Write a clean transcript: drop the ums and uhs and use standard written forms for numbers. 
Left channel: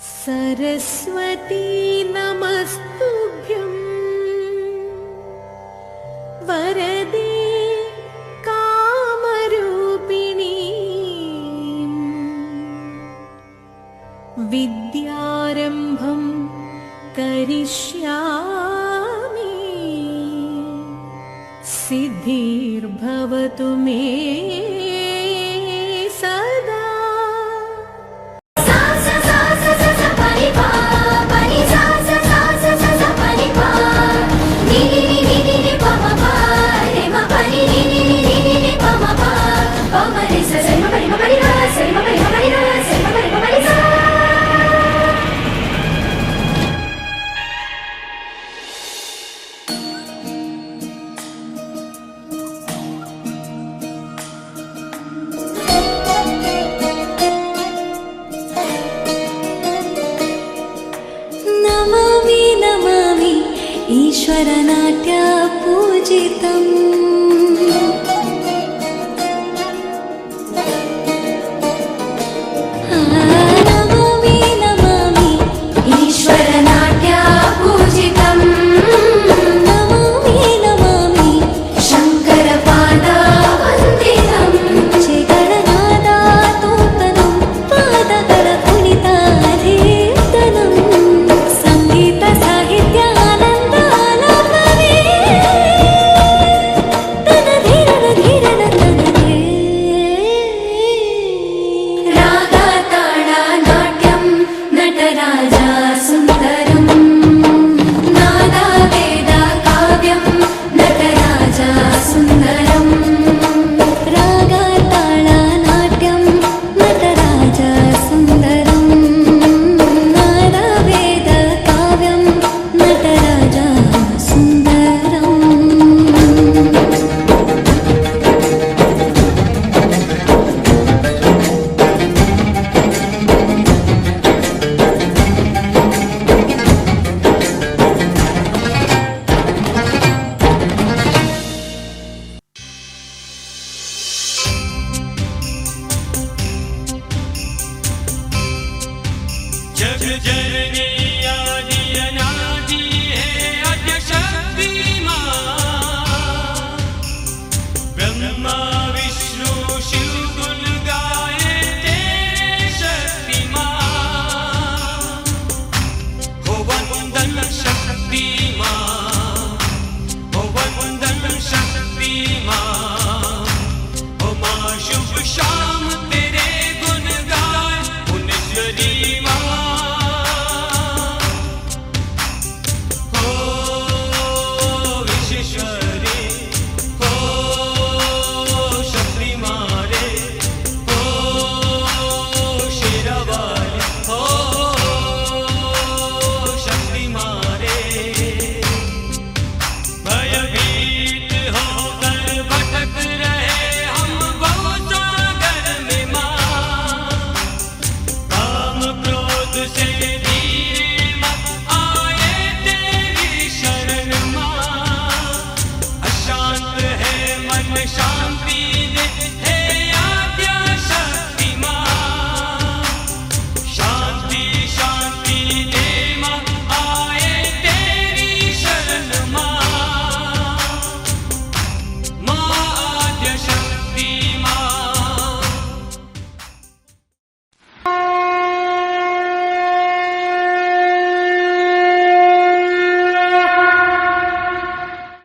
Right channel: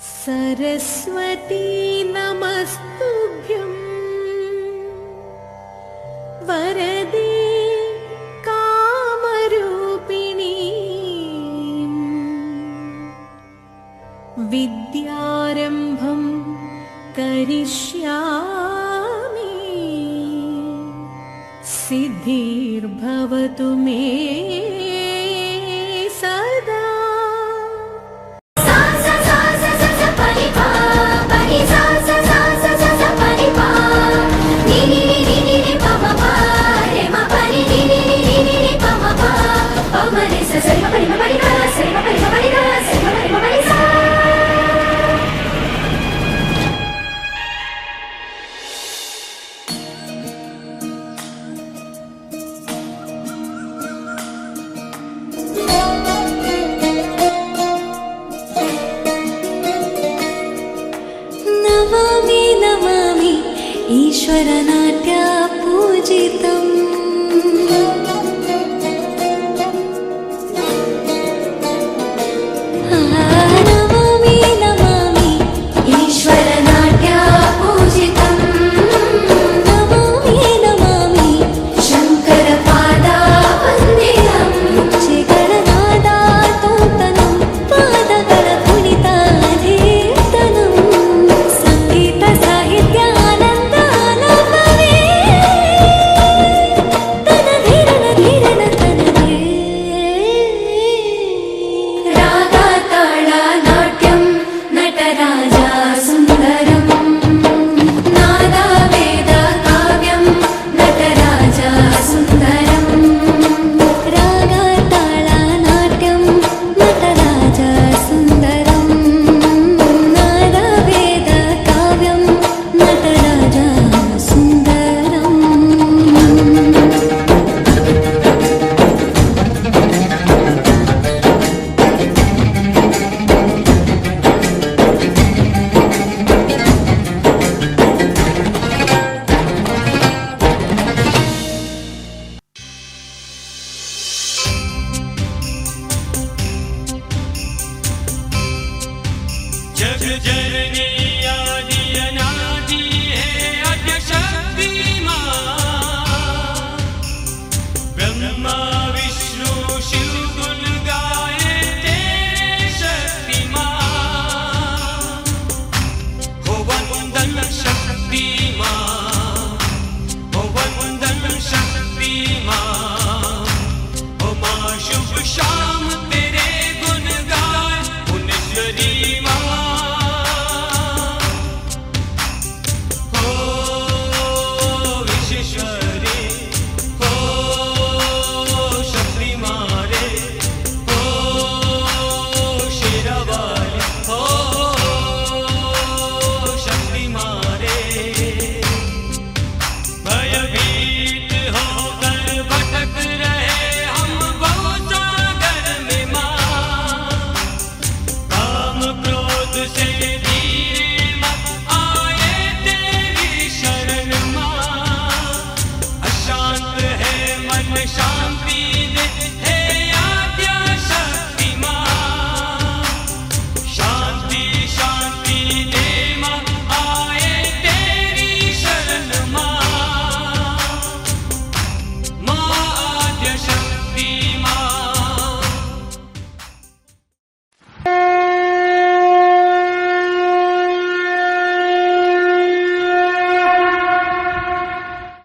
सरस्वती नमस्तुभ्यं वरदे कामरूपिणी विद्यारम्भं करिष्यामि सिद्धिर्भवतु मे सदा। नमामि नमामि ईश्वरनाट्य पूजितम्। नमामि नमामि ईश्वरनाट्य पूजितम्। नमामि नमामि शङ्करपादा वन्दितम्। ಹೆಜ್ಜೆಗಳನಾದ ತೂತನಂ ಪಾದಗಳ ಕುಣಿತಾಧೀರ್ತನಂ ಸಂಗೀತ ಸಾಹಿತ್ಯ ಆನಂದ ಆಲಾಪವೇ ತನಧೀರನ ಧೀರನ ತನದೇ ರಾಗ ತಾಳ ನಾಟ್ಯಂ ನಟರಾಜ ಸುಂದರಂ ನಾದ ವೇದ ಕಾವ್ಯಂ ನಟರಾಜ ಸುಂದರಂ ರಾಗ ತಾಳ ನಾಟ್ಯಂ ನಟರಾಜ ಸುಂದರಂ ನಾದ ವೇದ ಕಾವ್ಯಂ ನಟರಾಜ ಸುಂದರಂ. जग जननी आदि अनादि